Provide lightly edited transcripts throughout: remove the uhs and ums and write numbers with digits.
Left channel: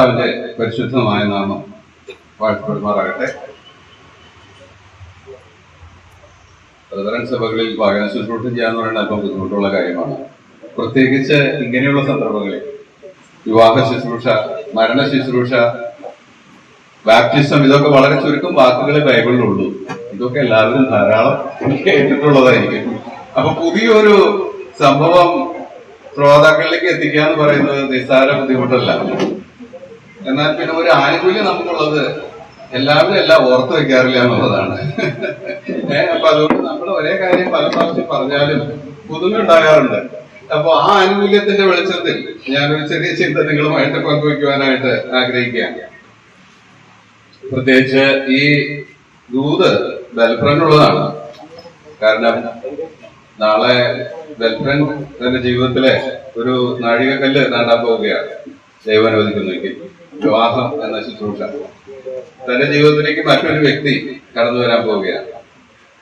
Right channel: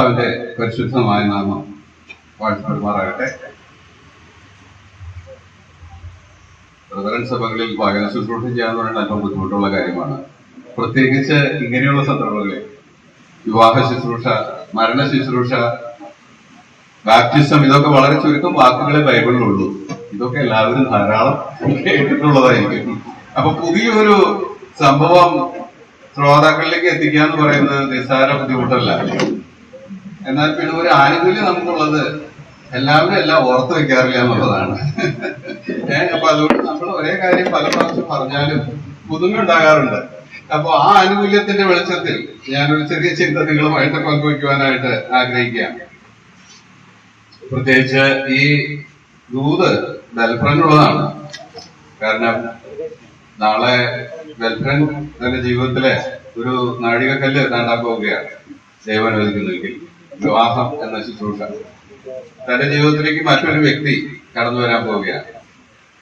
കർത്താവിന്റെ പരിശുദ്ധമായ നാമം വാഴ്ത്തപ്പെടുമാറാകട്ടെ. ബ്രദറൻ സഭകളിൽ വാഹന ശുശ്രൂഷ ചെയ്യാന്ന് പറയുന്നത് അല്പം ബുദ്ധിമുട്ടുള്ള കാര്യമാണ്. പ്രത്യേകിച്ച് ഇങ്ങനെയുള്ള സന്ദർഭങ്ങളിൽ വിവാഹ ശുശ്രൂഷ, മരണ ശുശ്രൂഷ, ബാപ്റ്റിസം, ഇതൊക്കെ വളരെ ചുരുക്കം വാക്കുകളെ ബൈബിളിലുള്ളൂ. ഇതൊക്കെ എല്ലാവരും ധാരാളം കേട്ടിട്ടുള്ളതായിരിക്കും. അപ്പൊ പുതിയൊരു സംഭവം ശ്രോതാക്കളിലേക്ക് എത്തിക്കുക എന്ന് പറയുന്നത് നിസ്സാര ബുദ്ധിമുട്ടല്ല. എന്നാൽ പിന്നെ ഒരു ആനുകൂല്യം നമുക്കുള്ളത് എല്ലാവരും എല്ലാം ഓർത്ത് വെക്കാറില്ല എന്നുള്ളതാണ്. അപ്പൊ അതുകൊണ്ട് നമ്മൾ ഒരേ കാര്യം പല പ്രാവശ്യം പറഞ്ഞാലും പുതുമ ഉണ്ടാകാറുണ്ട്. അപ്പൊ ആ ആനുകൂല്യത്തിന്റെ വെളിച്ചത്തിൽ ഞാനൊരു ചെറിയ ചിന്ത നിങ്ങളുമായിട്ട് പങ്കുവയ്ക്കുവാനായിട്ട് ആഗ്രഹിക്കുകയാണ്. പ്രത്യേകിച്ച് ഈ ദൂത് ബെൽഫ്രണ്ടുള്ളതാണ്. കാരണം നാളെ ബെൽഫ്രണ്ട് തന്റെ ജീവിതത്തിലെ ഒരു നാഴികക്കല്ല് താണ്ടാൻ പോവുകയാണ്. ദൈവം അനുവദിക്കുന്നെങ്കിൽ വിവാഹം എന്ന ശുശ്രൂഷ തന്റെ ജീവിതത്തിലേക്ക് മറ്റൊരു വ്യക്തി കടന്നു വരാൻ പോവുകയാണ്.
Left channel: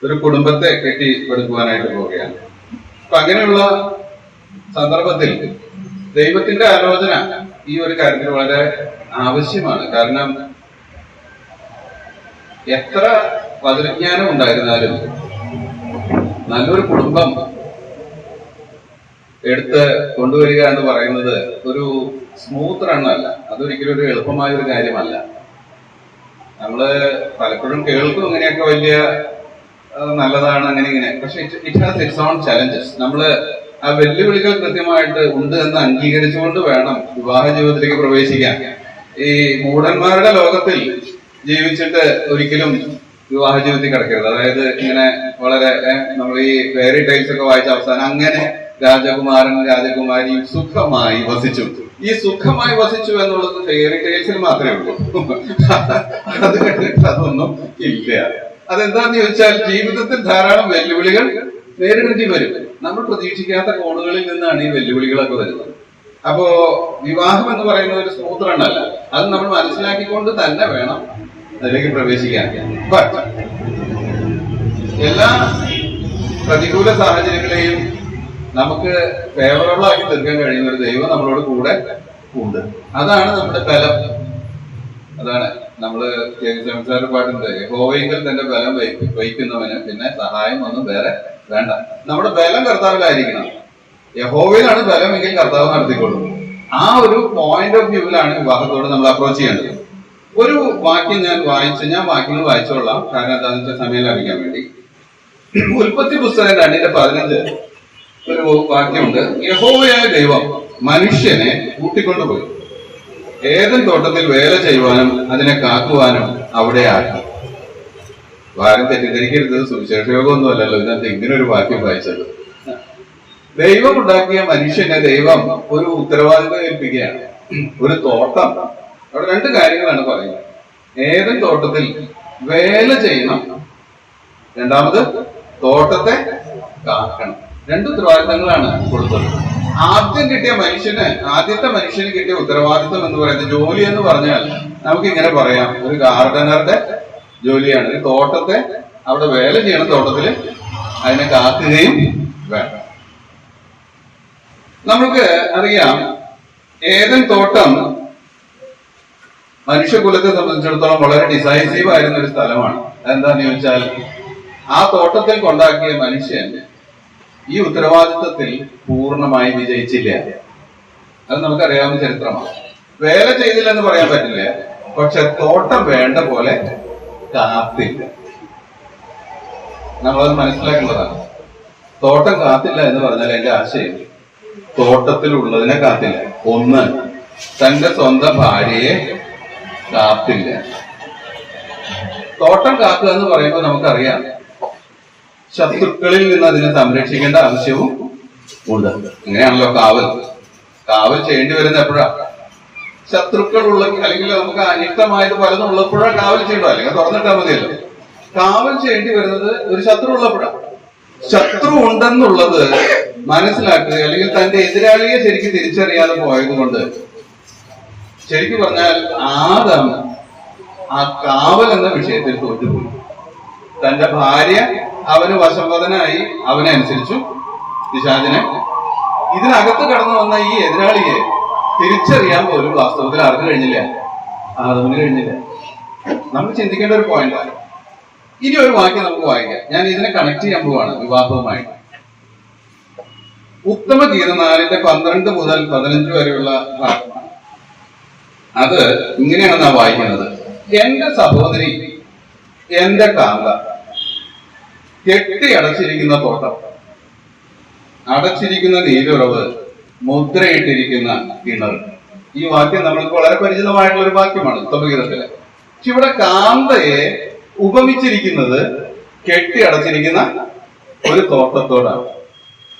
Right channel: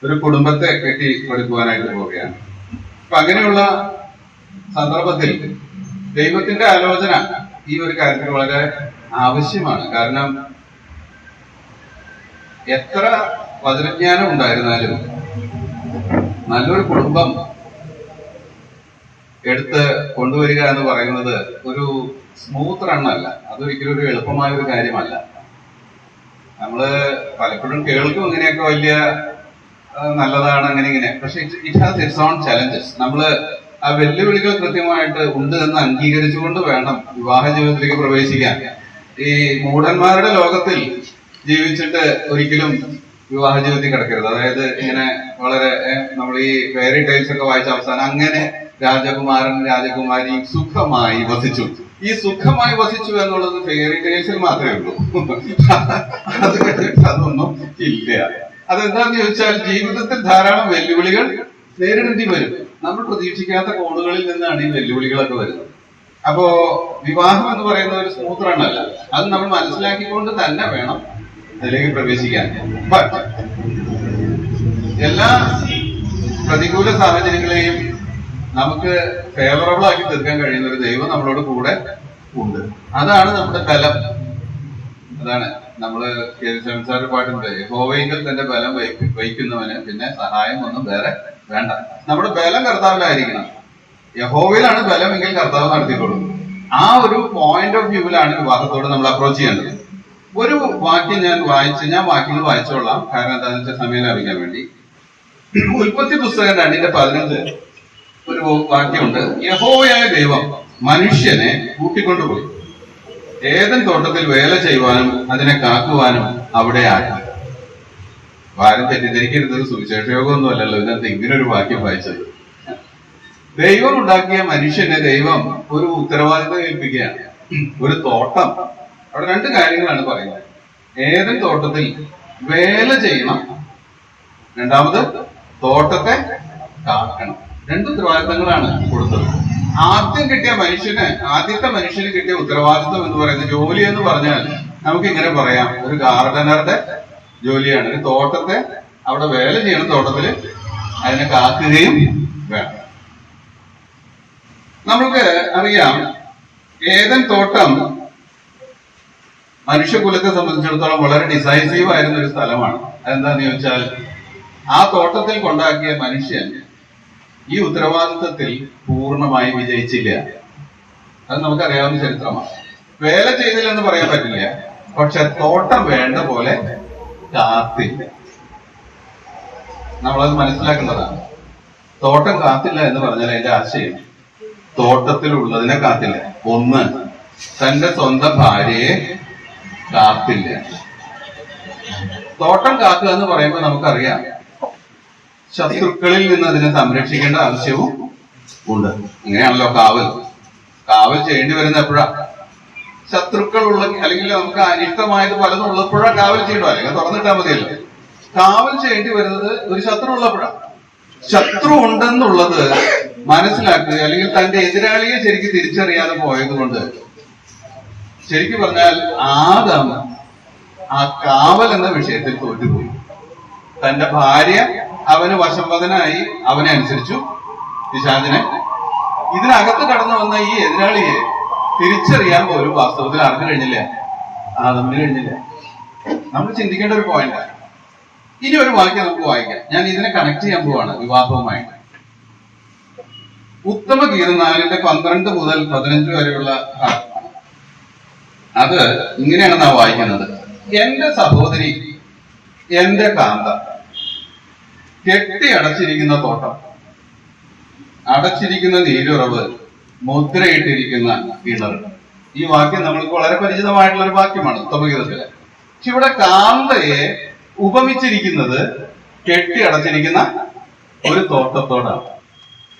ഒരു കുടുംബത്തെ കെട്ടിപ്പടുക്കുവാനായിട്ട് പോവുകയാണ്. അപ്പൊ അങ്ങനെയുള്ള സന്ദർഭത്തിൽ ദൈവത്തിന്റെ ആലോചന ഈ ഒരു കാര്യത്തിൽ വളരെ ആവശ്യമാണ്. കാരണം എത്ര വചനജ്ഞാനം ഉണ്ടായിരുന്നാലും നല്ലൊരു കുടുംബം എടുത്ത് കൊണ്ടുവരിക എന്ന് പറയുന്നത് ഒരു സ്മൂത്ത് റണ്ണല്ല. അതൊരിക്കലും ഒരു എളുപ്പമായ ഒരു കാര്യമല്ല. നമ്മള് പലപ്പോഴും കേൾക്കും ഇങ്ങനെയൊക്കെ വലിയ നല്ലതാണ് അങ്ങനെ ഇങ്ങനെ. പക്ഷെ it has it's on challenges. നമ്മള് ആ വെല്ലുവിളികൾ കൃത്യമായിട്ട് ഉണ്ട് എന്ന് അംഗീകരിച്ചുകൊണ്ട് വേണം വിവാഹ ജീവിതത്തിലേക്ക് പ്രവേശിക്കാൻ. ഈ മൂഢന്മാരുടെ ലോകത്തിൽ ജീവിച്ചിട്ട് ഒരിക്കലും വിവാഹ ജീവിതത്തിൽ കിടക്കരുത്. അതായത് ഇങ്ങനെ വളരെ നമ്മൾ ഈ ഫെയറി ടൈൽസ് ഒക്കെ വായിച്ച അവസാനം അങ്ങനെ രാജകുമാരൻ രാജകുമാരി സുഖമായി വസിച്ചു. ഈ സുഖമായി വസിച്ചു എന്നുള്ളത് ഫെയറി ടൈൽസിൽ മാത്രമേ ഉള്ളൂ. അത് കഴിഞ്ഞിട്ട് അതൊന്നും ഇല്ല. അതെന്താന്ന് ചോദിച്ചാൽ ജീവിതത്തിൽ ധാരാളം വെല്ലുവിളികൾ നേരിടേണ്ടി വരും. നമ്മൾ പ്രതീക്ഷിക്കാത്ത കോണുകളിൽ നിന്നാണ് ഈ വെല്ലുവിളികളൊക്കെ വരുന്നത്. അപ്പോ വിവാഹം എന്ന് പറയുന്നത് ഒരു സ്മൂത്ത് റണ്ണല്ല. അത് നമ്മൾ മനസ്സിലാക്കിക്കൊണ്ട് തന്നെ വേണം അതിലേക്ക് പ്രവേശിക്കാൻ. ബട്ട് എല്ലാ പ്രതികൂല സാഹചര്യങ്ങളെയും നമുക്ക് ഫേവറബിൾ ആക്കി തീർക്കാൻ കഴിയുന്ന ഒരു ദൈവം നമ്മളോട് കൂടെ ഉണ്ട്. അതാണ് നമ്മുടെ ബലം. അതാണ് നമ്മള് കേരള പാട്ടുണ്ട്, യഹോവയിൽ തന്റെ ബലം വഹിക്കുന്നവന് പിന്നെ സഹായം ഒന്നും വേറെ വേണ്ട. നമ്മുടെ ബലം കർത്താവിലായിരിക്കണം. യഹോവയിലാണ് ബലമെങ്കിൽ കർത്താവ് നടത്തിക്കൊള്ളും. ആ ഒരു പോയിന്റ് ഓഫ് വ്യൂവിലാണ് വിവാഹത്തോട് നമ്മൾ അപ്രോച്ച് ചെയ്യേണ്ടത്. ഒരു വാക്യം ഞാൻ വാക്യങ്ങൾ വായിച്ചോളാം. കാരണം എന്താണെന്ന് വെച്ചാൽ സമയം ലാഭിക്കാൻ വേണ്ടി. ഉൽപ്പത്തി പുസ്തകം 2:15 ഒരു വാക്യമുണ്ട്. യഹോവയായ ദൈവം മനുഷ്യനെ കൂട്ടിക്കൊണ്ടുപോയി ഏദൻ തോട്ടത്തിൽ വേല ചെയ്യുവാനും അതിനെ കാക്കുവാനും അവിടെ ആക്കി. ആരും തെറ്റിദ്ധരിക്കരുത്, സുവിശേഷയോഗമൊന്നും അല്ലല്ലോ ഇതിനകത്ത് ഇങ്ങനെ ഒരു വാക്യം വായിച്ചത്. ദൈവം ഉണ്ടാക്കിയ മനുഷ്യനെ ദൈവം ഒരു ഉത്തരവാദിത്വം ഏൽപ്പിക്കുകയാണ്. ഒരു തോട്ടം, അവിടെ രണ്ട് കാര്യങ്ങളാണ് പറയുന്നത്. ഏദൻ തോട്ടത്തിൽ വേല ചെയ്യണം, രണ്ടാമത് തോട്ടത്തെ കാക്കണം. രണ്ട് ഉത്തരവാദിത്തങ്ങളാണ് കൊടുത്തത്. ആദ്യത്തെ മനുഷ്യന് കിട്ടിയ ഉത്തരവാദിത്വം എന്ന് പറയുന്നത് ജോലി എന്ന് പറഞ്ഞാൽ നമുക്ക് ഇങ്ങനെ പറയാം, ഒരു ഗാർഡനറുടെ ജോലിയാണ്. ഒരു തോട്ടത്തെ അവിടെ വേല ചെയ്യണം, തോട്ടത്തില് അതിനെ കാക്കുകയും വേണം. നമുക്ക് അറിയാം ഏദൻ തോട്ടം മനുഷ്യകുലത്തെ സംബന്ധിച്ചിടത്തോളം വളരെ ഡിസൈസീവ് ആയിരുന്ന ഒരു സ്ഥലമാണ്. അതെന്താന്ന് ചോദിച്ചാൽ ആ തോട്ടത്തിൽ കൊണ്ടാക്കിയ മനുഷ്യൻ ഈ ഉത്തരവാദിത്വത്തിൽ പൂർണ്ണമായി വിജയിച്ചില്ല. അത് നമുക്കറിയാവുന്ന ചരിത്രമാണ്. വേല ചെയ്തില്ലെന്ന് പറയാൻ പറ്റില്ല, പക്ഷെ തോട്ടം വേണ്ട പോലെ കാത്തില്ല. നമ്മളത് മനസ്സിലാക്കേണ്ടതാണ്. തോട്ടം കാത്തില്ല എന്ന് പറഞ്ഞാൽ അതിന്റെ ആശയം തോട്ടത്തിലുള്ളതിനെ കാത്തില്ല. ഒന്ന്, തന്റെ സ്വന്തം ഭാര്യയെ കാത്തില്ല. തോട്ടം കാക്കുക എന്ന് പറയുമ്പോൾ നമുക്കറിയാം ശത്രുക്കളിൽ നിന്ന് അതിനെ സംരക്ഷിക്കേണ്ട ആവശ്യവും ഉണ്ട്. അങ്ങനെയാണല്ലോ കാവൽ ചെയ്യേണ്ടി വരുന്ന എപ്പോഴാ? ശത്രുക്കളുള്ള അല്ലെങ്കിൽ നമുക്ക് അനിഷ്ടമായത് പലതും ഉള്ളപ്പോഴാണ് കാവൽ ചെയ്യണ്ടോ, അല്ലെങ്കിൽ തുറന്നിട്ടാൽ മതിയല്ലോ. കാവൽ ചെയ്യേണ്ടി വരുന്നത് ഒരു ശത്രു ഉള്ളപ്പോഴാണ്. ശത്രു ഉണ്ടെന്നുള്ളത് മനസ്സിലാക്കുക, അല്ലെങ്കിൽ തന്റെ എതിരാളിയെ ശരിക്കും തിരിച്ചറിയാതെ പോയത് കൊണ്ട് ശരിക്കും പറഞ്ഞാൽ ആദം ആ കാവൽ എന്ന വിഷയത്തിൽ തോറ്റുപോയി. തന്റെ ഭാര്യ അവന് വശംവദനായി, അവനെ അനുസരിച്ചു പിശാചിനെ. ഇതിനകത്ത് കടന്നു വന്ന ഈ എതിരാളിയെ തിരിച്ചറിയാൻ പോലും വാസ്തവത്തിൽ ആർക്ക് കഴിഞ്ഞില്ല? ആദമിന് കഴിഞ്ഞില്ല. നമ്മൾ ചിന്തിക്കേണ്ട ഒരു പോയിന്റാണ്. ഇനി ഒരു വാക്യം നമുക്ക് വായിക്കാം. ഞാൻ ഇതിനെ കണക്ട് ചെയ്യാൻ പോവാണ് വിവാഹവുമായിട്ട്. ഉത്തമ ഗീതം 4:12 മുതൽ 15 വരെയുള്ള ഭാഗമാണ്. അത് ഇങ്ങനെയാണ് നാം വായിക്കുന്നത്. എന്റെ സഹോദരി, എന്റെ കാന്ത, കെട്ടി അടച്ചിരിക്കുന്ന തോട്ടം, അടച്ചിരിക്കുന്ന നീരുറവ്, മുദ്രയിട്ടിരിക്കുന്ന കിണർ. ഈ വാക്യം നമ്മൾക്ക് വളരെ പരിചിതമായിട്ടുള്ള ഒരു വാക്യമാണ് ഉത്തമഗീതത്തില്. പക്ഷെ ഇവിടെ കാന്തയെ ഉപമിച്ചിരിക്കുന്നത് കെട്ടി അടച്ചിരിക്കുന്ന ഒരു തോട്ടത്തോടാണ്.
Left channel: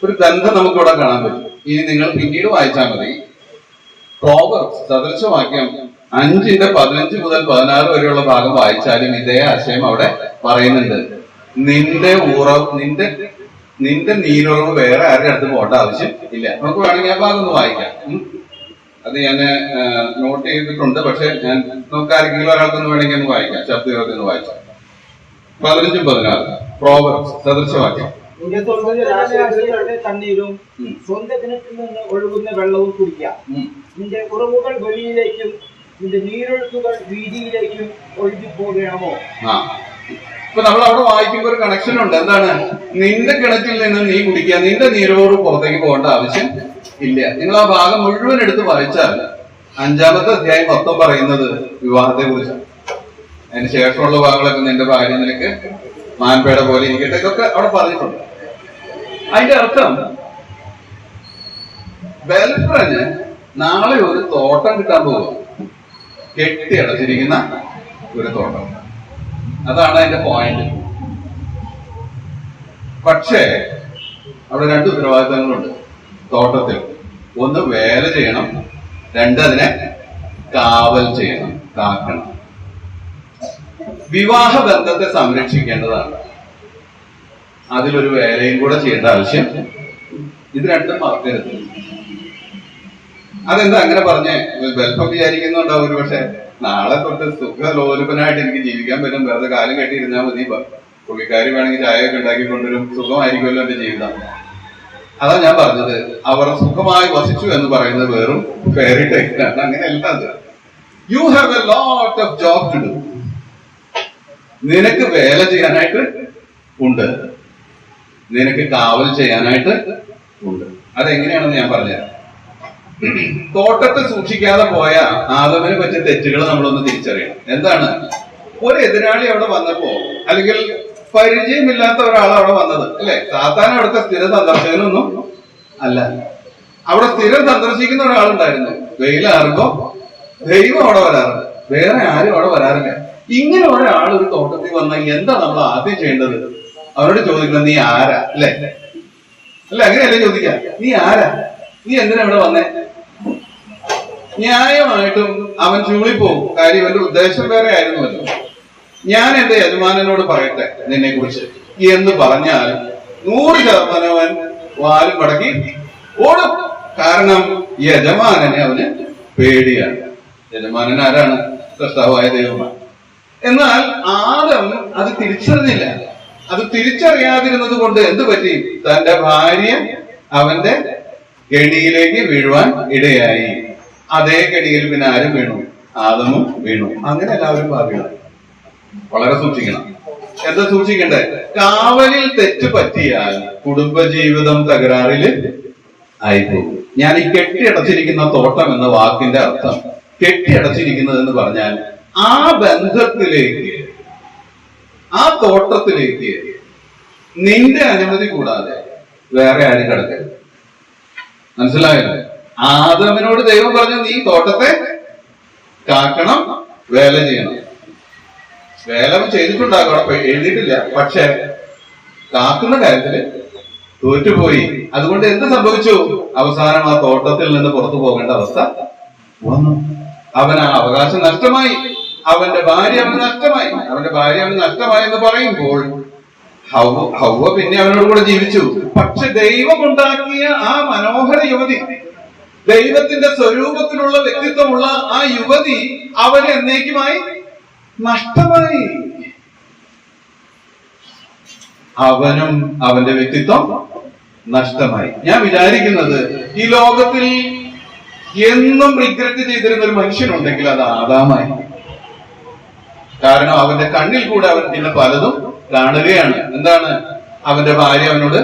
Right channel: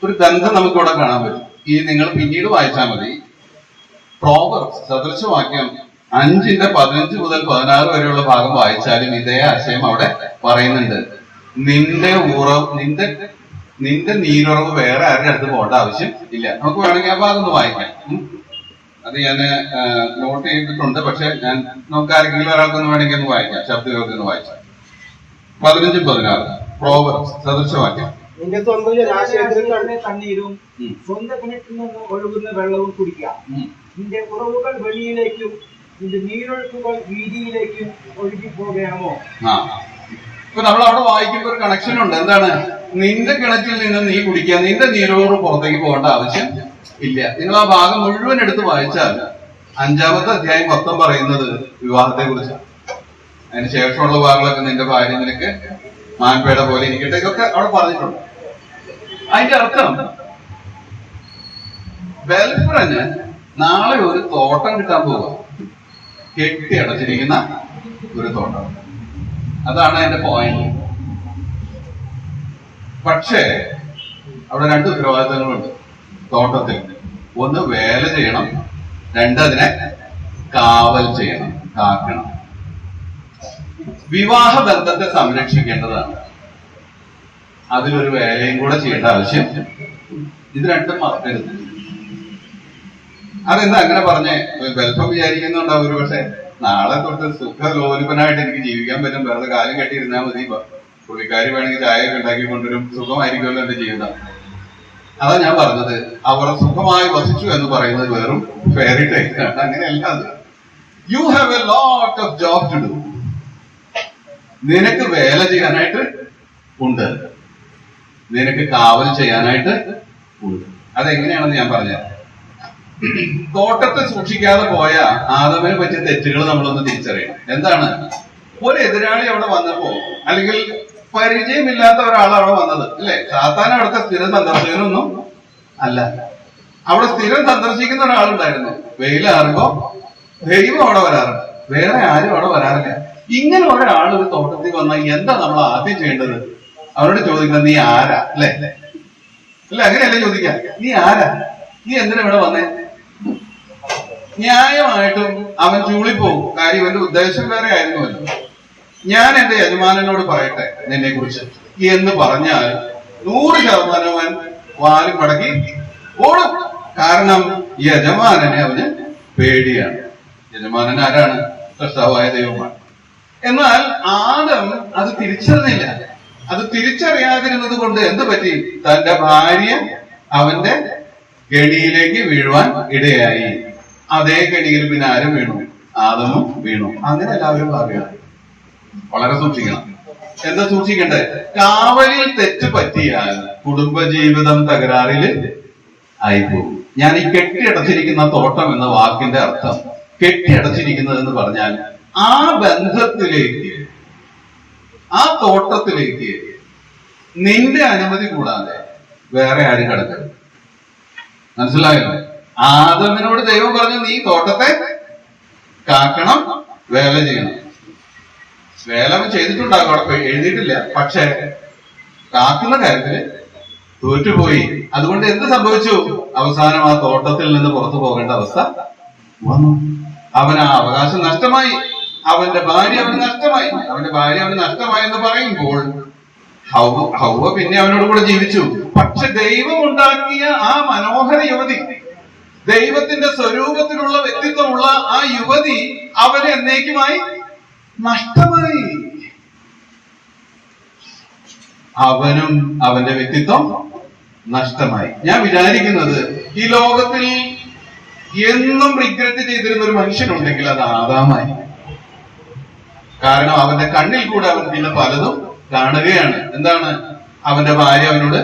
ഒരു ബന്ധം നമുക്കിവിടെ കാണാൻ പറ്റും. ഇനി നിങ്ങൾ പിന്നീട് വായിച്ചാൽ മതി. പ്രോവർബ്സ് സദൃശവാക്യം 5:15 മുതൽ 16 വരെയുള്ള ഭാഗം വായിച്ചാലും ഇതേ ആശയം അവിടെ പറയുന്നുണ്ട്. നിന്റെ നീരുറവ് വേറെ ആരുടെ അടുത്ത് പോകേണ്ട ആവശ്യം ഇല്ല. നമുക്ക് വേണമെങ്കിൽ ആ ഭാഗം ഒന്ന് വായിക്കാം. അത് ഞാൻ നോട്ട് ചെയ്തിട്ടുണ്ട്. പക്ഷെ നമുക്ക് ആരെങ്കിലും ഒരാൾക്കൊന്ന് വേണമെങ്കിൽ ഒന്ന് വായിക്കാം. ശബ്ദയോഗത്തിൽ നിന്ന് വായിക്കാം. 15-16 പ്രോവർബ്സ് സദൃശവാക്യം. നിന്റെ സ്വന്തം ജലാശയത്തിൽ തണ്ണീരും സ്വന്തം കിണറ്റിൽ നിന്ന് ഒഴുകുന്ന വെള്ളവും കുടിക്കുക. നിന്റെ ഉറവുകൾ വെളിയിലേക്കും നിന്റെ നീരൊഴുക്കുകൾ വീതിയിലേക്കും ഒഴുകി പോകണമോ? ഇപ്പൊ നമ്മൾ അവിടെ വായിക്കുമ്പോൾ ഒരു കണക്ഷൻ ഉണ്ട്. എന്താണ്? നിന്റെ കിണറ്റിൽ നിന്ന് നീ കുടിക്കുക, നിന്റെ നീരോട് പുറത്തേക്ക് പോകേണ്ട ആവശ്യം ഇല്ല. നിങ്ങൾ ആ ഭാഗം മുഴുവൻ എടുത്ത് വായിച്ചാൽ 5-ാമത്തെ അധ്യായം മൊത്തം പറയുന്നത് വിവാഹത്തെ കുറിച്ചാണ്. അതിന് ശേഷമുള്ള ഭാഗങ്ങളൊക്കെ നിന്റെ ഭാര്യ നിനക്ക് മാൻപേട പോലെ ഇരിക്കട്ടെ, ഇതൊക്കെ അവിടെ പറഞ്ഞിട്ടുണ്ട്. അതിന്റെ അർത്ഥം ബെൽഫ്രന് നാളെ ഒരു തോട്ടം കിട്ടാൻ പോവുക, കെട്ടി അടച്ചിരിക്കുന്ന ഒരു തോട്ടം. അതാണ് അതിന്റെ പോയിന്റ്. പക്ഷേ അവിടെ 2 ഉത്തരവാദിത്തങ്ങളുണ്ട് തോട്ടത്തിൽ. ഒന്ന് വേല ചെയ്യണം, 2 അതിനെ കാവൽ ചെയ്യണം, കാക്കണം. വിവാഹ ബന്ധത്തെ സംരക്ഷിക്കേണ്ടതാണ്. അതിലൊരു വേലയും കൂടെ ചെയ്യേണ്ട ആവശ്യം. ഇത് 2 മറക്കരുത്. അതെന്താ അങ്ങനെ പറഞ്ഞേ? ബെൽഫം വിചാരിക്കുന്നുണ്ടാവും ഒരു പക്ഷെ നാളെ തൊട്ട് സുഖലോലുപനായിട്ട് എനിക്ക് ജീവിക്കാൻ പറ്റും, വെറുതെ കാലം കെട്ടിയിരുന്നാൽ മതി, പുള്ളിക്കാരി വേണമെങ്കിൽ ചായയൊക്കെ ഉണ്ടാക്കി കൊണ്ടുവരും, സുഖമായിരിക്കുമല്ലോ എന്റെ ജീവിതം. അതാ ഞാൻ പറഞ്ഞത്, അവർ സുഖമായി വസിച്ചു എന്ന് പറയുന്നത് വെറും ഫെയറി ടൈലാണ്. അങ്ങനെയല്ല അത്. You have a lot of job to do. നിനക്ക് വേല ചെയ്യാനായിട്ട് ഉണ്ട്, നിനക്ക് കാവൽ ചെയ്യാനായിട്ട് ഉണ്ട്. അതെങ്ങനെയാണെന്ന് ഞാൻ പറഞ്ഞുതരാം. തോട്ടത്തെ സൂക്ഷിക്കാതെ പോയ ആദമിനെ പറ്റിയ തെറ്റുകൾ നമ്മളൊന്ന് തിരിച്ചറിയണം. എന്താണ്? ഒരു എതിരാളി അവിടെ വന്നപ്പോ, അല്ലെങ്കിൽ പരിചയമില്ലാത്ത ഒരാൾ അവിടെ വന്നത് അല്ലെ? സാധാരണ അവിടുത്തെ സ്ഥിര സന്ദർശകനൊന്നും അല്ല. അവിടെ സ്ഥിരം സന്ദർശിക്കുന്ന ഒരാളുണ്ടായിരുന്നു. വെയിലാറുമ്പോ ദൈവം അവിടെ വരാറുണ്ട്, വേറെ ആരും അവിടെ വരാറില്ല. ഇങ്ങനെ ഒരാൾ ഒരു തോട്ടത്തിൽ വന്നാൽ എന്താ നമ്മൾ ആദ്യം ചെയ്യേണ്ടത്? അവരോട് ചോദിക്കണം, നീ ആരാ? അല്ലെ? അല്ല, അങ്ങനെയല്ലേ ചോദിക്കാം. നീ ആരാ? നീ എന്തിനാ ഇവിടെ വന്നേ? ന്യായമായിട്ടും അവൻ ചൂളിപ്പോകും. കാര്യം ഇവന്റെ ഉദ്ദേശം വേറെ ആയിരുന്നുവല്ലോ. ഞാൻ എന്റെ യജമാനനോട് പറയട്ടെ നിന്നെ കുറിച്ച് എന്ന് പറഞ്ഞാൽ 100% അവൻ വാലും മടക്കി ഓടും. കാരണം യജമാനനെ അവന് പേടിയാണ്. യജമാനൻ ആരാണ്? സൃഷ്ടാവായ ദൈവമാണ്. എന്നാൽ ആദം അത് തിരിച്ചറിഞ്ഞില്ല. അത് തിരിച്ചറിയാതിരുന്നത് കൊണ്ട് എന്ത് പറ്റി? തന്റെ ഭാര്യ അവന്റെ കെണിയിലേക്ക് വീഴുവാൻ ഇടയായി. അതേ കെണിയിൽ പിന്നെ ആരും വീണു? ആദമും വീണു. അങ്ങനെ എല്ലാവരും ഭാവികളായി. വളരെ സൂക്ഷിക്കണം. എന്താ സൂക്ഷിക്കണ്ടേ? കാവലിൽ തെറ്റ് പറ്റിയാൽ കുടുംബജീവിതം തകരാറില് ആയിപ്പോകും. ഞാൻ ഈ കെട്ടിയടച്ചിരിക്കുന്ന തോട്ടം എന്ന വാക്കിന്റെ അർത്ഥം, കെട്ടിയടച്ചിരിക്കുന്നത് എന്ന് പറഞ്ഞാൽ ആ ബന്ധത്തിലേക്ക്, ആ തോട്ടത്തിലേക്ക് നിന്റെ അനുമതി കൂടാതെ വേറെ ആരും കിടക്കരുത്. മനസ്സിലായല്ലോ? ആദമിനോട് ദൈവം പറഞ്ഞു, നീ തോട്ടത്തെ കാക്കണം, വേല ചെയ്യണം. വേല ചെയ്തിട്ടുണ്ടാകും, അവിടെ എഴുതിയിട്ടില്ല. പക്ഷെ കാക്കുന്ന കാര്യത്തില് തോറ്റുപോയി. അതുകൊണ്ട് എന്ത് സംഭവിച്ചു? അവസാനം ആ തോട്ടത്തിൽ നിന്ന് പുറത്തു പോകേണ്ട അവസ്ഥ വന്നു. അവൻ ആ അവകാശം നഷ്ടമായി. അവന്റെ ഭാര്യ അവന് നഷ്ടമായി. അവന്റെ ഭാര്യ അവന് നഷ്ടമായി എന്ന് പറയുമ്പോൾ ഹൗവ പിന്നെ അവനോട് കൂടെ ജീവിച്ചു. പക്ഷെ ദൈവം ഉണ്ടാക്കിയ ആ മനോഹര യുവതി, ദൈവത്തിന്റെ സ്വരൂപത്തിലുള്ള വ്യക്തിത്വമുള്ള ആ യുവതി അവന് എന്നേക്കുമായി നഷ്ടമായി. അവനും അവന്റെ വ്യക്തിത്വം നഷ്ടമായി. ഞാൻ വിചാരിക്കുന്നത് ഈ ലോകത്തിൽ എന്നും റിഗ്രറ്റ് ചെയ്തിരുന്ന ഒരു മനുഷ്യനുണ്ടെങ്കിൽ അത് ആദാമായി. കാരണം അവന്റെ കണ്ണിൽ കൂടെ അവൻ പിന്നെ പലതും കാണുകയാണ്. എന്താണ്? അവന്റെ ഭാര്യ അവനോട്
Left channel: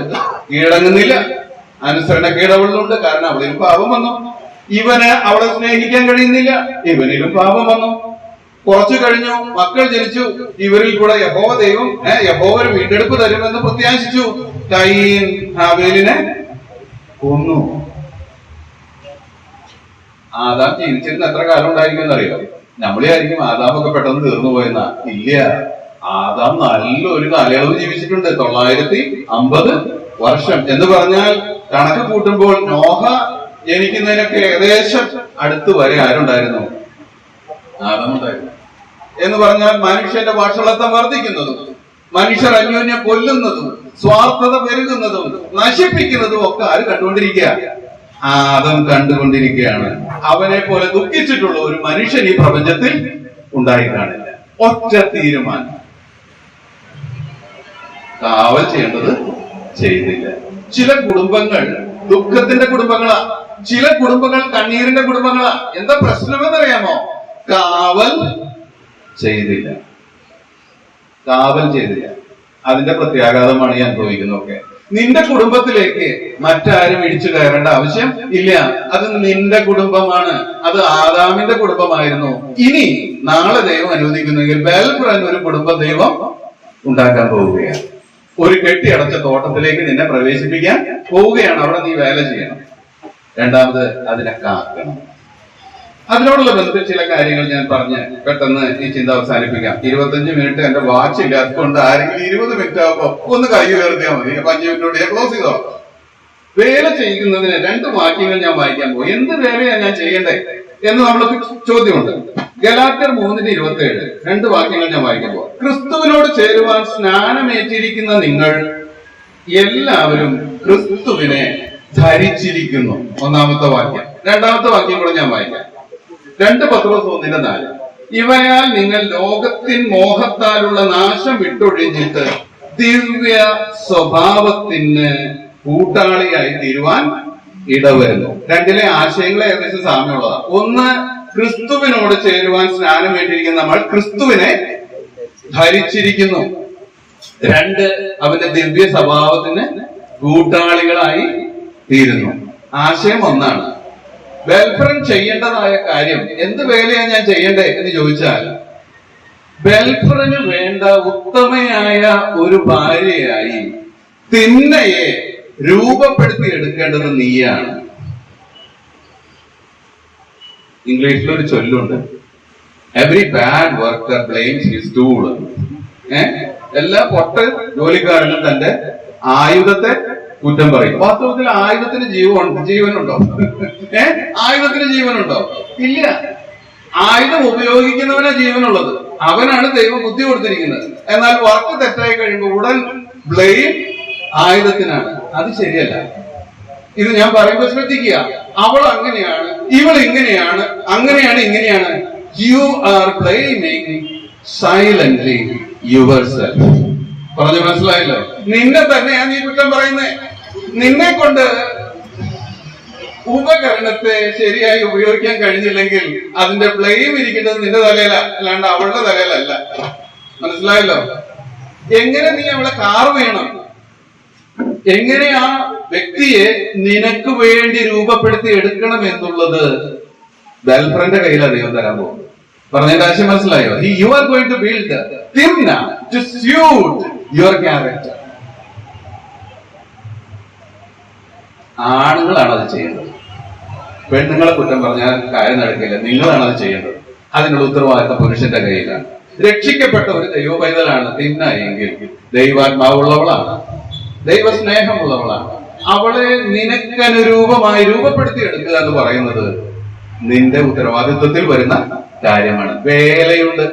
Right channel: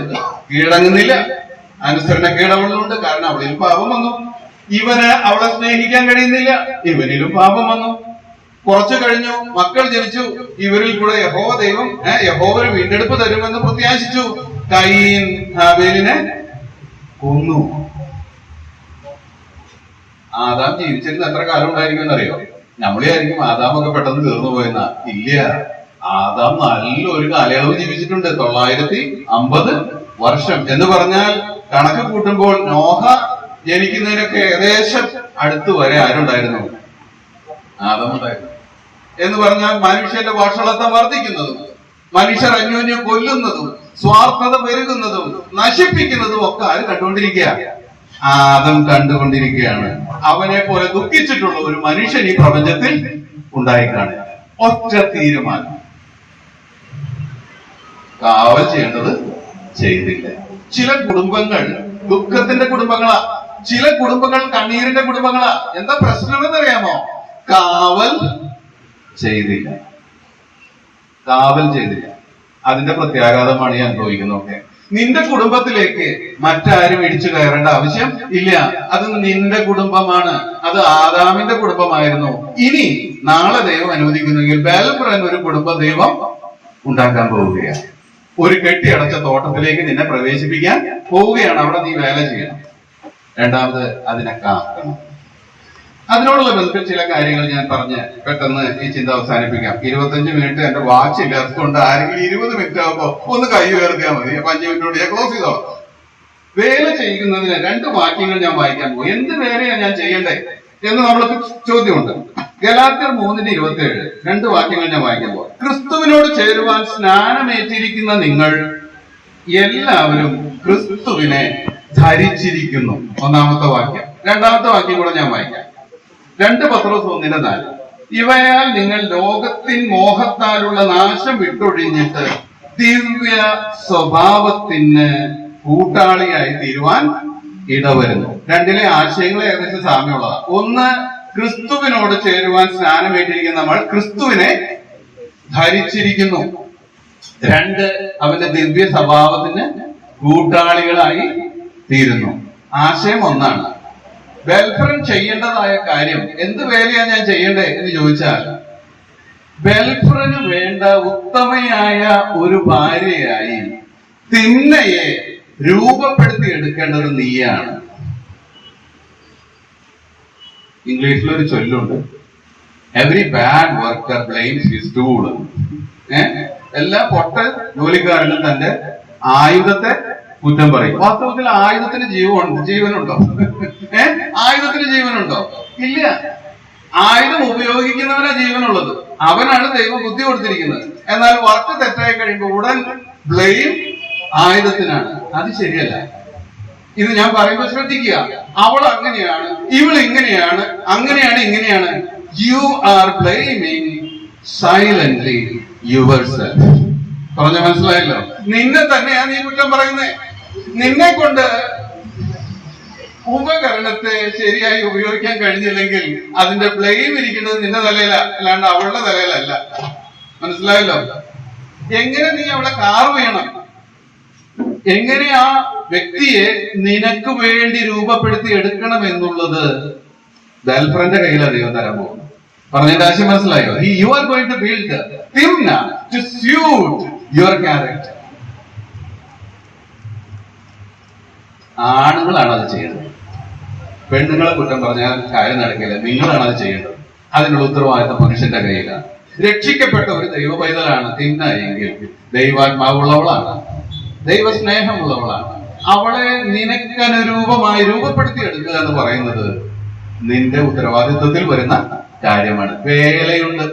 കീഴടങ്ങുന്നില്ല, അനുസരണ കീഴടവുള്ളുണ്ട്. കാരണം അവളിലും പാപം വന്നു. ഇവന് അവളെ സ്നേഹിക്കാൻ കഴിയുന്നില്ല, ഇവനിലും പാപം വന്നു. കുറച്ചു കഴിഞ്ഞു, മക്കൾ ജനിച്ചു. ഇവരിൽ കൂടെ യഹോവ ദൈവം യഹോവ ഒരു വീണ്ടെടുപ്പ് തരുമെന്ന് പ്രത്യാശിച്ചു. കയീൻ ഹാബേലിനെ കൊന്നു. ആദാം ജീവിച്ചിരുന്ന എത്ര കാലം ഉണ്ടായിരിക്കും എന്നറിയോ? നമ്മളെയായിരിക്കും ആദാമൊക്കെ പെട്ടെന്ന് തീർന്നു പോയെന്നാ. ഇല്ല, ആദാം നല്ലൊരു കാലയളവ് ജീവിച്ചിട്ടുണ്ട്. 950 വർഷം എന്ന് പറഞ്ഞാൽ കണക്ക് കൂട്ടുമ്പോൾ നോഹ ജനിക്കുന്നതിനൊക്കെ ഏകദേശം അടുത്ത് വരെ ആരുണ്ടായിരുന്നു? ആദാം ഉണ്ടായിരുന്നു. എന്ന് പറഞ്ഞാൽ മനുഷ്യന്റെ വഷളത്വം വർദ്ധിക്കുന്നതും മനുഷ്യർ അന്യോന്യം കൊല്ലുന്നതും സ്വാർത്ഥത പെരുകുന്നതും നശിപ്പിക്കുന്നതും ഒക്കെ ആര് കണ്ടുകൊണ്ടിരിക്കുക? ആദം കണ്ടുകൊണ്ടിരിക്കുകയാണ്. അവനെ പോലെ ദുഃഖിച്ചിട്ടുള്ള ഒരു മനുഷ്യൻ ഈ പ്രപഞ്ചത്തിൽ ഉണ്ടായിക്കാണില്ല. ഒറ്റ തീരുമാനം, കാവൽ ചെയ്യേണ്ടത് ചെയ്തില്ല. ചില കുടുംബങ്ങൾ ദുഃഖത്തിന്റെ കുടുംബങ്ങളാ, ചില കുടുംബങ്ങൾ കണ്ണീരിന്റെ കുടുംബങ്ങളാ. എന്താ പ്രശ്നമെന്നറിയാമോ? കാവൽ ചെയ്തില്ല. കാവൽ ചെയ്തില്ല. അതിന്റെ പ്രത്യാഘാതമാണ് ഈ അനുഭവിക്കുന്നതൊക്കെ. നിന്റെ കുടുംബത്തിലേക്ക് മറ്റാരും ഇടിച്ചു കയറേണ്ട ആവശ്യം ഇല്ല. അത് നിന്റെ കുടുംബമാണ്. അത് ആദാമിന്റെ കുടുംബമായിരുന്നു. ഇനി നാളെ ദൈവം അനുവദിക്കുന്നെങ്കിൽ ബേൽഫ്രൻ ഒരു കുടുംബം ദൈവം ഉണ്ടാക്കാൻ പോവുകയാണ്. ഒരു കെട്ടിയടച്ച തോട്ടത്തിലേക്ക് നിന്നെ പ്രവേശിപ്പിക്കാൻ പോവുകയാണ്. അവിടെ നീ വേല ചെയ്യണം. രണ്ടാമത്, അതിനെ കാക്കണം. അതിനോടുള്ള ബന്ധത്തിൽ ചില കാര്യങ്ങൾ ഞാൻ പറഞ്ഞ് പെട്ടെന്ന് ഈ ചിന്ത അവസാനിപ്പിക്കാം. 25 മിനിറ്റ് എന്റെ വാച്ച് ഇല്ലാത്തതുകൊണ്ട് ആരെങ്കിലും 20 മിനിറ്റ് ആകുമ്പോ ഒന്ന് കൈ ഉയർത്തിയാൽ മതി. 5 മിനിറ്റോട് ഞാൻ ക്ലോസ് ചെയ്തോ. വേല ചെയ്യുന്നതിന് 2 വാക്യങ്ങൾ ഞാൻ വായിക്കാൻ പോകും. എന്ത് വേലയാണ് ഞാൻ ചെയ്യണ്ടേ എന്ന് നമ്മൾക്ക് ചോദ്യമുണ്ട്. ഗലാത്യർ 3:27 2 വാക്യങ്ങൾ ഞാൻ വായിക്കാൻ പോകും. ക്രിസ്തുവിനോട് ചേരുവാൻ സ്നാനമേറ്റിരിക്കുന്ന നിങ്ങൾ എല്ലാവരും ക്രിസ്തുവിനെ ധരിച്ചിരിക്കുന്നു. ഒന്നാമത്തെ വാക്യം. രണ്ടാമത്തെ വാക്യം കൂടെ ഞാൻ വായിക്കാം. 2 പത്രോസ് 1:4 ഇവയാൽ നിങ്ങൾ ലോകത്തിൻ മോഹത്താലുള്ള നാശം വിട്ടൊഴിഞ്ഞിട്ട് ദിവ്യ സ്വഭാവത്തിന് കൂട്ടാളിയായി തീരുവാൻ ഇടവരുന്നു. രണ്ടിലെ ആശയങ്ങളെ ഏകദേശം സാമ്യമുള്ളതാണ്. ഒന്ന്, ക്രിസ്തുവിനോട് ചേരുവാൻ സ്നാനമേറ്റിരിക്കുന്ന നമ്മൾ ക്രിസ്തുവിനെ ധരിച്ചിരിക്കുന്നു. 2, അവന്റെ ദിവ്യ സ്വഭാവത്തിന് കൂട്ടാളികളായി തീരുന്നു. ആശയം ഒന്നാണ്. ബേൽഫ്രൻ ചെയ്യേണ്ടതായ കാര്യം, എന്ത് വേലയാണ് ഞാൻ ചെയ്യണ്ടേ എന്ന് ചോദിച്ചാൽ, ബേൽഫ്രന് വേണ്ട ഉത്തമയായ ഒരു ഭാര്യയായി തിന്നയെ രൂപപ്പെടുത്തി എടുക്കേണ്ടത് നീയാണ്. ഇംഗ്ലീഷിലൊരു ചൊല്ലുണ്ട്, every bad worker blames his tool. എല്ലാ പൊട്ട ജോലിക്കാരനും തന്റെ ആയുധത്തെ കുറ്റം പറയും. വാസ്തവത്തിൽ ആയുധത്തിന് ജീവനുണ്ടോ? ആയുധത്തിന് ജീവനുണ്ടോ? ഇല്ല. ആയുധം ഉപയോഗിക്കുന്നവനാ ജീവനുള്ളത്. അവനാണ് ദൈവം ബുദ്ധി കൊടുത്തിരിക്കുന്നത്. എന്നാൽ വർക്ക് തെറ്റായി കഴിയുമ്പോൾ ഉടൻ ബ്ലെയിം ആയുധത്തിനാണ്. അത് ശരിയല്ല. ഇത് ഞാൻ പറയുമ്പോൾ ശ്രദ്ധിക്കുക. അവൾ അങ്ങനെയാണ്, ഇവൾ ഇങ്ങനെയാണ്, അങ്ങനെയാണ്, ഇങ്ങനെയാണ്. You are blaming silently your self. പറഞ്ഞ മനസ്സിലായല്ലോ? നിന്നെ തന്നെയാ നീ കുറ്റം പറയുന്നേ. നിന്നെ കൊണ്ട് ഉപകരണത്തെ ശരിയായി ഉപയോഗിക്കാൻ കഴിഞ്ഞില്ലെങ്കിൽ അതിന്റെ ബ്ലെയിം ഇരിക്കുന്നത് നിന്റെ തലയില, അല്ലാണ്ട് അവളുടെ തലയിലല്ല. മനസ്സിലായല്ലോ? എങ്ങനെ നീ അവളെ കാർ വേണം, എങ്ങനെ ആ വ്യക്തിയെ നിനക്ക് വേണ്ടി രൂപപ്പെടുത്തി എടുക്കണം എന്നുള്ളത് ഗേൾഫ്രന്റെ കയ്യിലാണ് ദൈവം തരാൻ പോകുന്നത്. പറഞ്ഞതിന്റെ ആശയം മനസ്സിലായോ? You are going to build തിംന ടു സ്യൂട്ട് യുവർ ക്യാരക്ടർ. ആണുങ്ങളാണ് അത് ചെയ്യേണ്ടത്. പെണ്ണുങ്ങളെ കുറ്റം പറഞ്ഞാൽ കാര്യം നടക്കില്ല. നിങ്ങളാണ് അത് ചെയ്യേണ്ടത്. അതിനുള്ള ഉത്തരവാദിത്തം പുരുഷന്റെ കയ്യിലാണ്. രക്ഷിക്കപ്പെട്ട ഒരു ദൈവ പൈതലാണ് തിന്ന എങ്കിൽ ദൈവാത്മാവുള്ളവളാണ്, ദൈവസ്നേഹമുള്ളവളാണ്. അവളെ നിനക്കനുരൂപമായി രൂപപ്പെടുത്തി എടുക്കുക എന്ന് പറയുന്നത് നിന്റെ ഉത്തരവാദിത്വത്തിൽ വരുന്ന കാര്യമാണ്. വേലയുണ്ട്.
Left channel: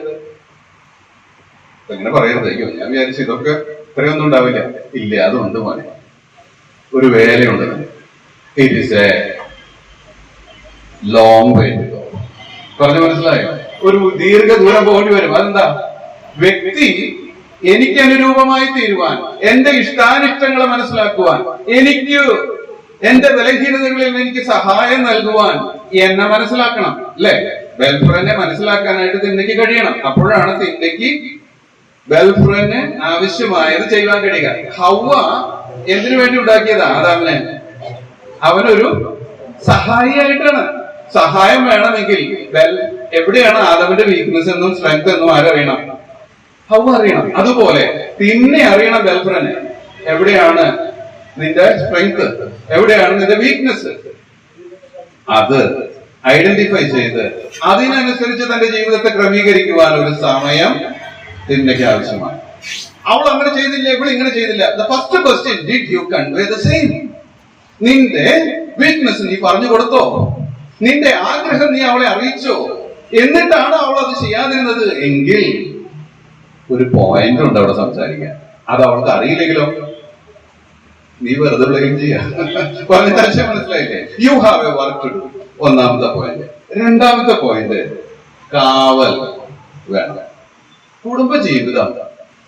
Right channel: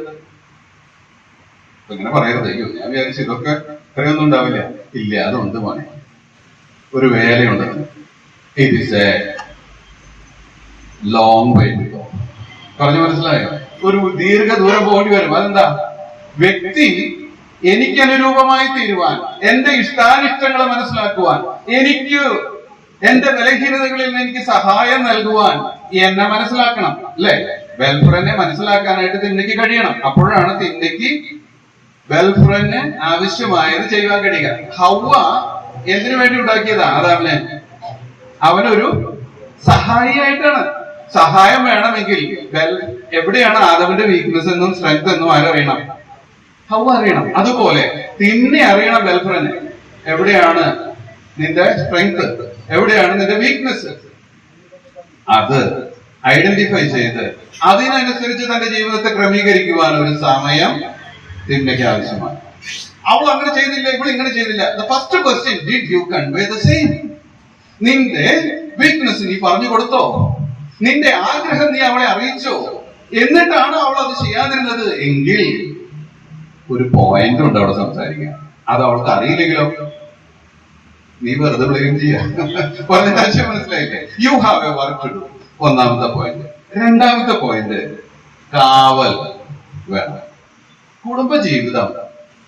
ഇങ്ങനെ പറയരുത്. അയ്യോ, ഞാൻ വിചാരിച്ചു ഇതൊക്കെ ഇത്രയൊന്നും ഉണ്ടാവില്ല. ഇല്ല, അതുണ്ട് മോനെ. ഒരു വേലയുണ്ട്. It is a long way to go. പറഞ്ഞു മനസ്സിലായോ? ഒരു ദീർഘദൂരം പോകേണ്ടി വരും. അതെന്താ? വ്യക്തി എനിക്ക് അനുരൂപമായി തീരുവാൻ, എന്റെ ഇഷ്ടാനിഷ്ടങ്ങളെ മനസ്സിലാക്കുവാൻ, എനിക്ക് എന്റെ ബലഹീനതകളിൽ എനിക്ക് സഹായം നൽകുവാൻ എന്നെ മനസ്സിലാക്കണം, അല്ലെ? വെൽഫ്രനെ മനസ്സിലാക്കാനായിട്ട് തിന്മയ്ക്ക് കഴിയണം. അപ്പോഴാണ് തിന്മയ്ക്ക് വെൽഫ്രന് ആവശ്യമായത് ചെയ്യുവാൻ കഴിയുക. ഹവ്വ എന്തിനു വേണ്ടി ഉണ്ടാക്കിയതാ ആദാമിനെ? അവനൊരു സഹായിയായിട്ടാണ്. സഹായം വേണമെങ്കിൽ എവിടെയാണ് ആദാമിന്റെ വീക്ക്നെസ് എന്നും സ്ട്രെങ്ത് എന്നും ആരറിയണം? ഹവ്വ അറിയണം. അതുപോലെ തിന്നെ അറിയണം വെൽഫ്രന്. എവിടെയാണ് നിന്റെ സ്ട്രെങ്ത്, എവിടെയാണ് നിന്റെ വീക്ക്നെസ്, അത് ഐഡന്റിഫൈ ചെയ്ത് അതിനനുസരിച്ച് തന്റെ ജീവിതത്തെ ക്രമീകരിക്കുവാൻ ഒരു സമയം തിന്മയ്ക്ക് ആവശ്യമാണ്. അവൾ അങ്ങനെ ചെയ്തില്ല, ഇവൾ ഇങ്ങനെ ചെയ്തില്ല. The first question, did you convey the same? നിന്റെ വീക്ക്നെസ് നീ പറഞ്ഞു കൊടുത്തോ? നിന്റെ ആഗ്രഹം നീ അവളെ അറിയിച്ചോ? എന്നിട്ടാണ് അവൾ അത് ചെയ്യാതിരുന്നത് എങ്കിൽ ഒരു പോയിന്റ് ഉണ്ട് അവിടെ സംസാരിക്കാൻ. അത് അവൾക്ക് അറിയില്ലെങ്കിലോ നീ വെറുതെ ഉള്ളതും ചെയ്യാം. പറഞ്ഞ ആശയം മനസ്സിലായില്ലേ? You have a work to do. ഒന്നാമത്തെ പോയിന്റ്. രണ്ടാമത്തെ പോയിന്റ്, കാവൽ വേണം. കുടുംബജീവിതം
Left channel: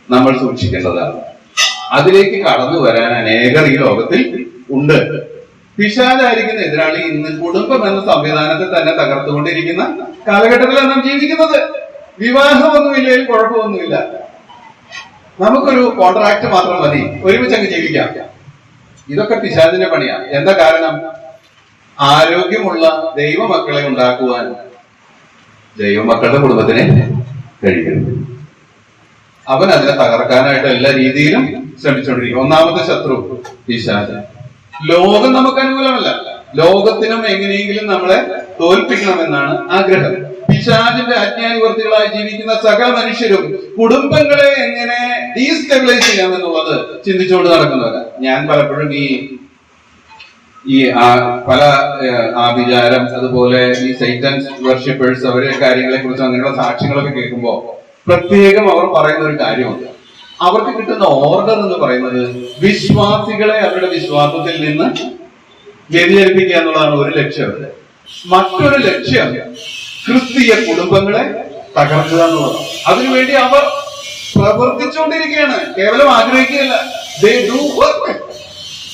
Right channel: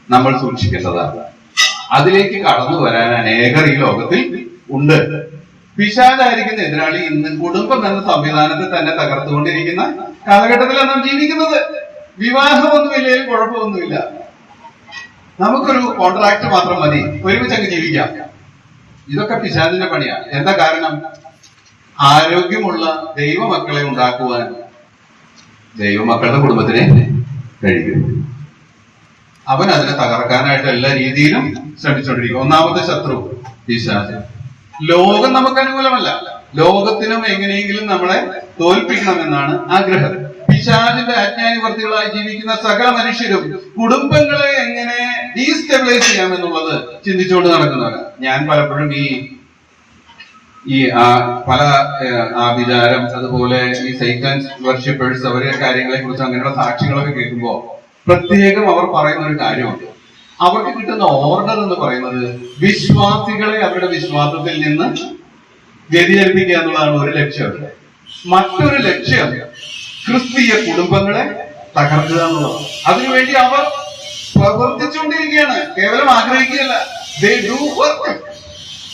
നമ്മൾ സൂക്ഷിക്കേണ്ടതാണ്. അതിലേക്ക് കടന്നു വരാൻ അനേകർ ഈ ലോകത്തിൽ ഉണ്ട്. പിശാചായിരിക്കുന്ന എതിരാളി ഇന്ന് കുടുംബം എന്ന സംവിധാനത്തെ തന്നെ തകർത്തുകൊണ്ടിരിക്കുന്ന കാലഘട്ടത്തിലാണ് നാം ജീവിക്കുന്നത്. വിവാഹമൊന്നുമില്ലെങ്കിൽ കുഴപ്പമൊന്നുമില്ല, നമുക്കൊരു കോൺട്രാക്ട് മാത്രം മതി, ഒരുമിച്ച് അങ്ങ് ജീവിക്കാം. ഇതൊക്കെ പിശാചിന്റെ പണിയാണ്. എന്താ കാരണം? ആരോഗ്യമുള്ള ദൈവമക്കളെ ഉണ്ടാക്കുവാൻ ദൈവമക്കളുടെ കുടുംബത്തിനെ കഴിയും. അവൻ അതിനെ തകർക്കാനായിട്ട് എല്ലാ രീതിയിലും ശ്രമിച്ചുകൊണ്ടിരിക്കും. ഒന്നാമത്തെ ശത്രു പിശാച്. ലോകം നമുക്ക് അനുകൂലമല്ല. ലോകത്തിനും എങ്ങനെയെങ്കിലും നമ്മളെ തോൽപ്പിക്കണമെന്നാണ് ആഗ്രഹം. പിശാചിന്റെ അജ്ഞാനിവർത്തികളായി ജീവിക്കുന്ന സകല മനുഷ്യരും കുടുംബങ്ങളെ എങ്ങനെ ഡീസ്റ്റെബിലൈസ് ചെയ്യാമെന്നുള്ളത് ചിന്തിച്ചുകൊണ്ട് നടക്കുന്നവരാണ്. ഞാൻ പലപ്പോഴും ഈ പല ആഭിചാരം, അതുപോലെ ഈ സൈറ്റൻസ് വർഷിപ്പേഴ്സ്, അവരുടെ കാര്യങ്ങളെ കുറിച്ച് അങ്ങനെയുള്ള സാക്ഷ്യങ്ങളൊക്കെ കേൾക്കുമ്പോൾ പ്രത്യേകം അവർ പറയുന്ന ഒരു കാര്യമുണ്ട്. അവർക്ക് കിട്ടുന്ന ഓർഡർ എന്ന് പറയുന്നത് വിശ്വാസികളെ അവരുടെ വിശ്വാസത്തിൽ നിന്ന് വ്യതിചലിപ്പിക്കുക എന്നുള്ളതാണ് ഒരു ലക്ഷ്യം. മറ്റൊരു ലക്ഷ്യം ക്രിസ്തീയ കുടുംബങ്ങളെ തകർക്കുക എന്നുള്ളതാണ്. അതിനുവേണ്ടി അവർ പ്രവർത്തിച്ചുകൊണ്ടിരിക്കുകയാണ്, കേവലം ആഗ്രഹിക്കുകയല്ല. They do work.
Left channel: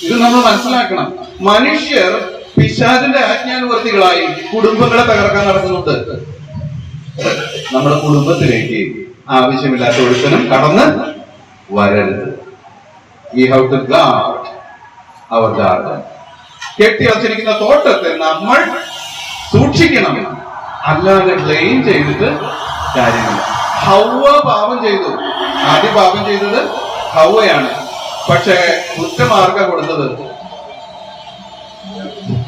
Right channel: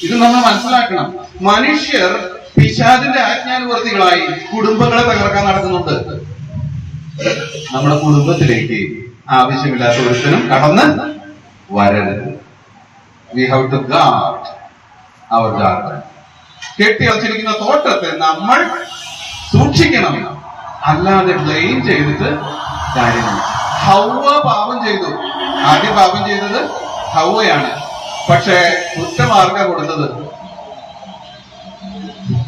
ഇത് നമ്മൾ മനസ്സിലാക്കണം. മനുഷ്യർ പിശാചിന്റെ ആജ്ഞാനുവർത്തികളായി കുടുംബങ്ങളെ തകർക്കാൻ നടക്കുന്നുണ്ട്. നമ്മുടെ കുടുംബത്തിലേക്ക് ആവശ്യമില്ലാത്ത ഒരുത്തനും കടന്ന് വരരുത്. We have to guard our garden. കെട്ടിയടച്ചിരിക്കുന്ന തോട്ടത്തെ നമ്മൾ സൂക്ഷിക്കണം, അല്ലാതെ ബ്ലെയിം ചെയ്തിട്ട് കാര്യമില്ല. ഹവ്വ പാപം ചെയ്തു. ആദ്യം പാപം ചെയ്തത് ഹവ്വയാണ്. പക്ഷെ കുറ്റമാർഗ കൊടുത്തത്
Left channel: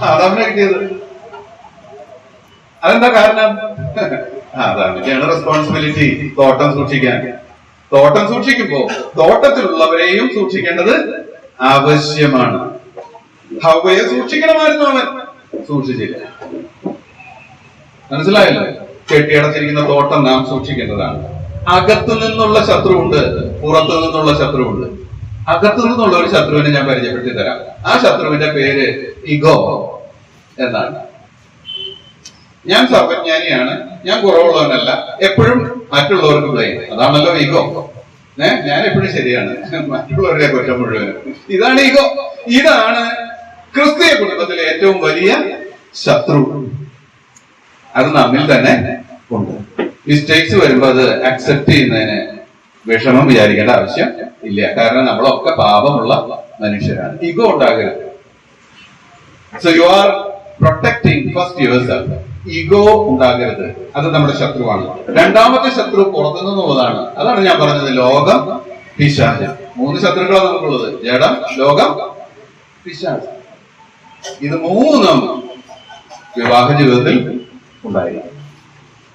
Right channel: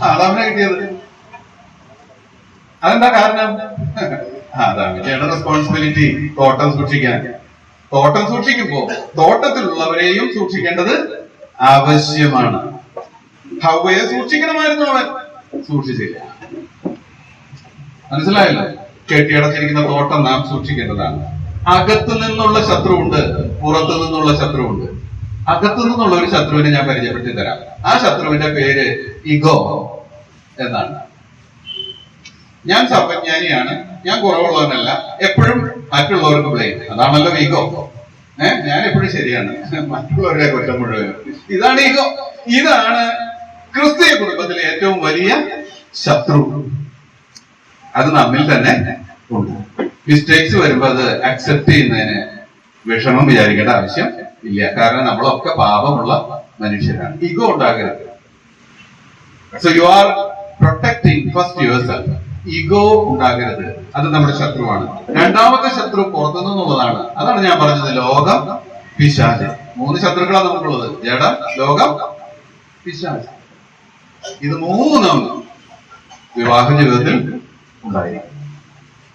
ആദാമിനെ കിട്ടിയത്. അതെന്താ കാരണം? ആദാമിന്റെയാണ് റെസ്പോൺസിബിലിറ്റി തോട്ടം സൂക്ഷിക്കാൻ. തോട്ടം സൂക്ഷിക്കുമ്പോ തോട്ടത്തിലുള്ളവരെയും സൂക്ഷിക്കേണ്ടത് ആവശ്യമാണ്. ഹവ്വയെ സൂക്ഷിക്കണമായിരുന്നു, അവൻ സൂക്ഷിച്ചില്ല. മനസ്സിലായല്ലോ? കെട്ടിയടച്ചിരിക്കുന്ന തോട്ടം നാം സൂക്ഷിക്കേണ്ടതാണ്. അകത്തു നിന്നുള്ള ശത്രുവുണ്ട്, പുറത്തു നിന്നുള്ള ശത്രുവുണ്ട്. അകത്തു നിന്നുള്ള ഒരു ശത്രുവിനെ ഞാൻ പരിചയപ്പെടുത്തി തരാം. ആ ശത്രുവിന്റെ പേര് ഇഗോ എന്നാണ്. ഞാൻ സർവജ്ഞാനിയാണ്, ഞാൻ കുറവുള്ളവനല്ല, എപ്പോഴും മറ്റുള്ളവർക്ക് ബ്ലെയിം. അതാണല്ലോ ഈഗോ. ഞാൻ എപ്പോഴും ശരിയാണ്, മറ്റുള്ളവരുടെ കുറ്റം മുഴുവനും. ഇതാണ് ഈഗോ. ഇതാണ് ക്രിസ്തീയ കുടുംബത്തിലെ ഏറ്റവും വലിയ ശത്രു. അത് നമ്മിൽ തന്നെ ഉണ്ട്. മിസ്റ്റേക്സ് വരുമ്പോ അത് അക്സെപ്റ്റ് ചെയ്യുന്നതിന് വിഷമം വിചാരിക്കേണ്ട ആവശ്യം ഇല്ല. കാരണം നമ്മളൊക്കെ പാപമുള്ള മനുഷ്യരാണ്. ഈഗോ ഉണ്ടാകരുത്. So you are protecting first yourself. Ego ഉണ്ടാകരുത്. അത് നമ്മുടെ ശത്രുവാണ്. രണ്ടാമത്തെ ശത്രു പുറത്തുനിന്നുള്ളതാണ്. അതാണ് ഞാൻ പറഞ്ഞത്, ലോകം, പിശാച്. 3 ശത്രുക്കളാണ് നമുക്കുള്ളത്: ജഡം, ലോകം, പിശാച്. ഇത് 3 വിവാഹ ജീവിതത്തിൽ ഉണ്ടായിരിക്കും.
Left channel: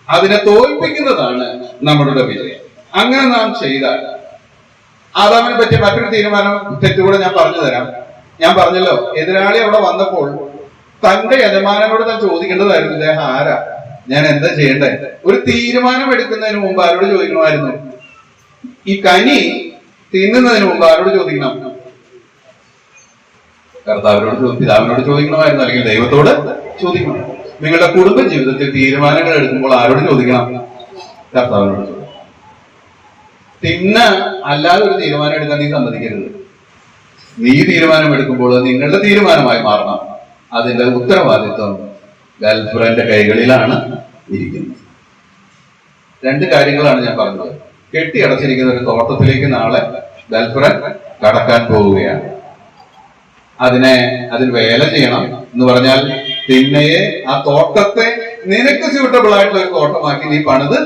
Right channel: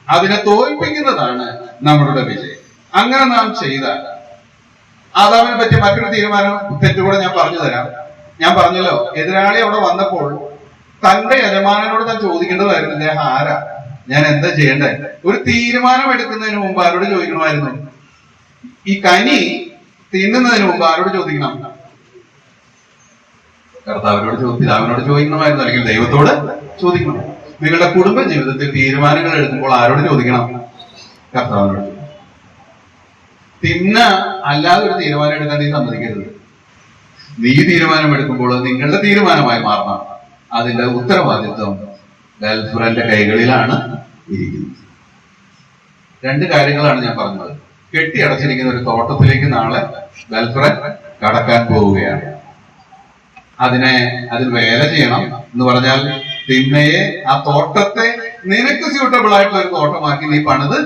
അതിനെ തോൽപ്പിക്കുന്നതാണ് നമ്മളുടെ വിജയം. അങ്ങനെ നാം ചെയ്താൽ ആദാമിനെ പറ്റിയ മറ്റൊരു തീരുമാനം തെറ്റുകൂടെ ഞാൻ പറഞ്ഞു തരാം. ഞാൻ പറഞ്ഞല്ലോ, എതിരാളി അവിടെ വന്നപ്പോൾ തന്റെ യജമാനനോട് താൻ ചോദിക്കേണ്ടതായിരുന്നു, ഇദ്ദേഹം ആരാ, ഞാൻ എന്താ ചെയ്യണ്ടേ? ഒരു തീരുമാനം എടുക്കുന്നതിന് മുമ്പ് ആരോട് ചോദിക്കണമായിരുന്നു? ഈ കനി തിന്നുന്നതിന് മുമ്പ് ആരോട് ചോദിക്കണം? കർത്താവിനോട്, പിതാവിനോട് ചോദിക്കണമായിരുന്നു, അല്ലെങ്കിൽ ദൈവത്തോട് ചോദിക്കണം. നിങ്ങളുടെ കുടുംബ ജീവിതത്തിൽ തീരുമാനങ്ങൾ എടുക്കുമ്പോൾ ആരോട് ചോദിക്കണം? കർത്താവിനോട് ചോദിക്കണം. അല്ലാതെ ഒരു തീരുമാനം എടുക്കാൻ നീ സമ്മതിക്കരുത്. നീ തീരുമാനം എടുക്കുമ്പോൾ നിങ്ങളുടെ തീരുമാനമായി മാറണം. അതിന്റെ ഉത്തരവാദിത്വം ഗേൾഫ്രണ്ട് കൈകളിലാണ് ഇരിക്കുന്നത്. രണ്ട് കാര്യങ്ങളാണ് ഞാൻ പറഞ്ഞത്. കെട്ടിയടച്ചിരിക്കുന്ന ഒരു തോട്ടത്തിലേക്ക് നാളെ ഗേൾഫ്രണ്ട് കടക്കാൻ പോവുകയാണ്. അതിൽ വേല ചെയ്യണം എന്ന് പറഞ്ഞാൽ തിന്നയെ ആ തോട്ടത്തെ നിനക്ക് സ്യൂട്ടബിൾ ആയിട്ടുള്ള ഒരു തോട്ടമാക്കി നീ പണിത്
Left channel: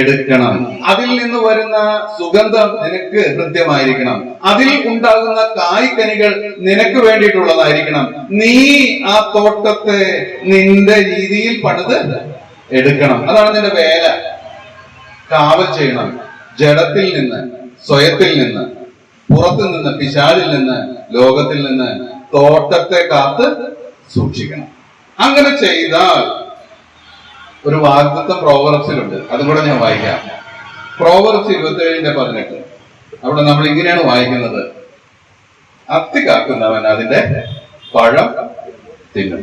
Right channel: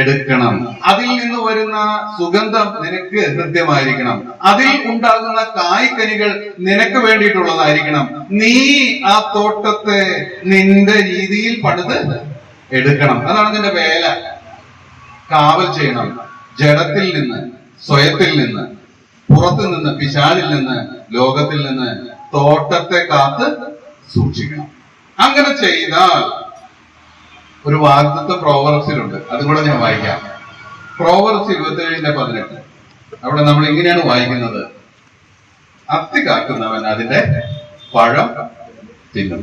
എടുക്കണം. അതിൽ നിന്ന് വരുന്ന സുഗന്ധം നിനക്ക് കൃത്യമായിരിക്കണം. അതിൽ ഉണ്ടാകുന്ന കായ്ക്കനികൾ നിനക്ക് വേണ്ടിയിട്ടുള്ളതായിരിക്കണം. നീ ആ തോട്ടത്തെ നിന്റെ രീതിയിൽ പണിത് എടുക്കണം. അതാണ് നിന്റെ വേല. കാവൽ ചെയ്യണം. ജഡത്തിൽ നിന്ന്, സ്വയത്തിൽ നിന്ന്, പുറത്തു നിന്ന്, പിശാചിൽ നിന്ന്, ലോകത്തിൽ നിന്ന് തോട്ടത്തെ കാത്ത് സൂക്ഷിക്കണം. അങ്ങനെ ചെയ്താൽ ഒരു വാഗ്ദത്തം പ്രോവർബ്സിലുണ്ട്, അതും കൂടെ ഞാൻ വായിക്കാം. പ്രോവർബ്സ് 27:18. അവിടെ നമ്മൾ ഇങ്ങനെയാണ് വായിക്കുന്നത്: അത്തി കാക്കുന്നവൻ അതിന്റെ പഴം തിന്നും.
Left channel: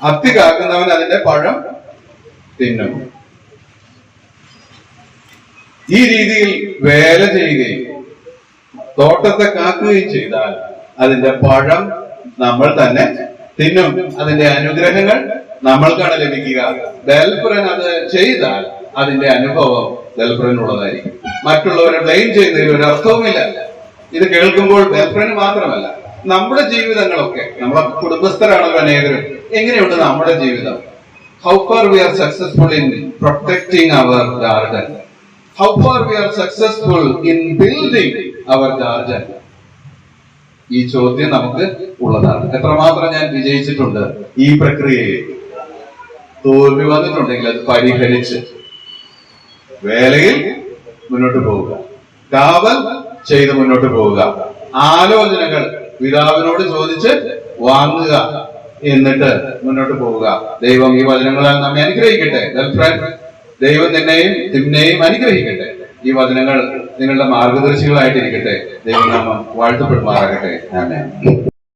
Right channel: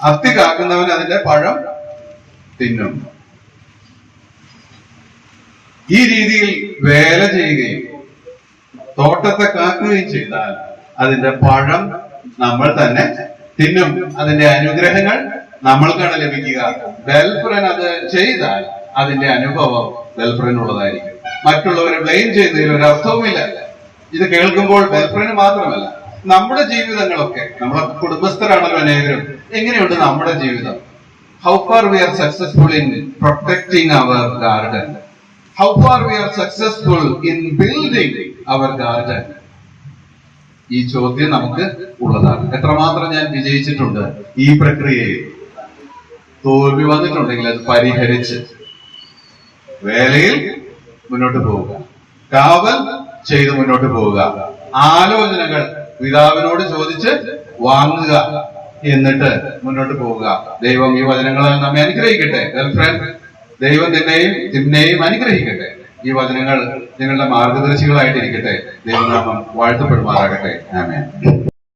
അത്തി കാക്കുന്നവൻ അതിന്റെ പഴം തിന്നും. ഈ രീതിയിൽ വേല ചെയ്യുകയും തോട്ടത്തെ കാക്കുകയും ചെയ്താൽ അതിന്റെ പഴം നമ്മൾ തന്നെ തിന്നും. അതിന്റെ അനുഗ്രഹങ്ങൾ നമ്മൾക്കാണ് ലഭിക്കുക. ഗേൾഫ്രൻ അത് ചെയ്താൽ അതിന്റെ അനുഭവം ഗേൾഫ്രനുള്ളതായിരിക്കും. മറ്റുള്ളവരെ ബ്ലെയിം ചെയ്യുന്നതിൽ ഒരു അർത്ഥവുമില്ല. ഇത് കേൾക്കുമ്പോൾ ഗേൾഫ്രന് മാത്രമല്ല, നമ്മുടെ ജീവിതങ്ങളൊക്കെ, നമ്മളെ കുടുംബസ്ഥരാണല്ലോ അനേകരും. എങ്ങനെയുണ്ട് നമ്മുടെ ജീവിതം? How far we are successful in protecting our garden? How far we are successful in building our garden? ഈ ചോദ്യം നമുക്ക് ഉള്ളതാണ്. എത്രമാത്രം ഞാൻ വിജയിച്ചിട്ടുണ്ട് ഈ പ്രക്രിയയിൽ? തോൽവി വന്നിട്ടുണ്ടെങ്കിൽ അത് പരിഹരിച്ച് വേലയിൽ മുന്നോട്ട് പോവുക, കാവൽ ചെയ്ത് മുന്നോട്ട് പോവുക, ആലോചനകൾ പിതാവിനോട് ചോദിച്ച് വാങ്ങുക, എന്നിട്ട് മുന്നോട്ട് പോവുക. ദൈവം ഈ വചനങ്ങളാൽ നമ്മെ അനുഗ്രഹിക്കട്ടെ. ഗേൾഫ്രണ്ട്, ദൈവം നിന്നെയും അനുഗ്രഹിക്കട്ടെ. ഈ വചനങ്ങൾ നിങ്ങളുടെ മാർഗദർശികളായിട്ടിരിക്കട്ടെ. ദൈവം നാമം വാഴ്ത്തപ്പെടുമാറാകട്ടെ. ആമേൻ.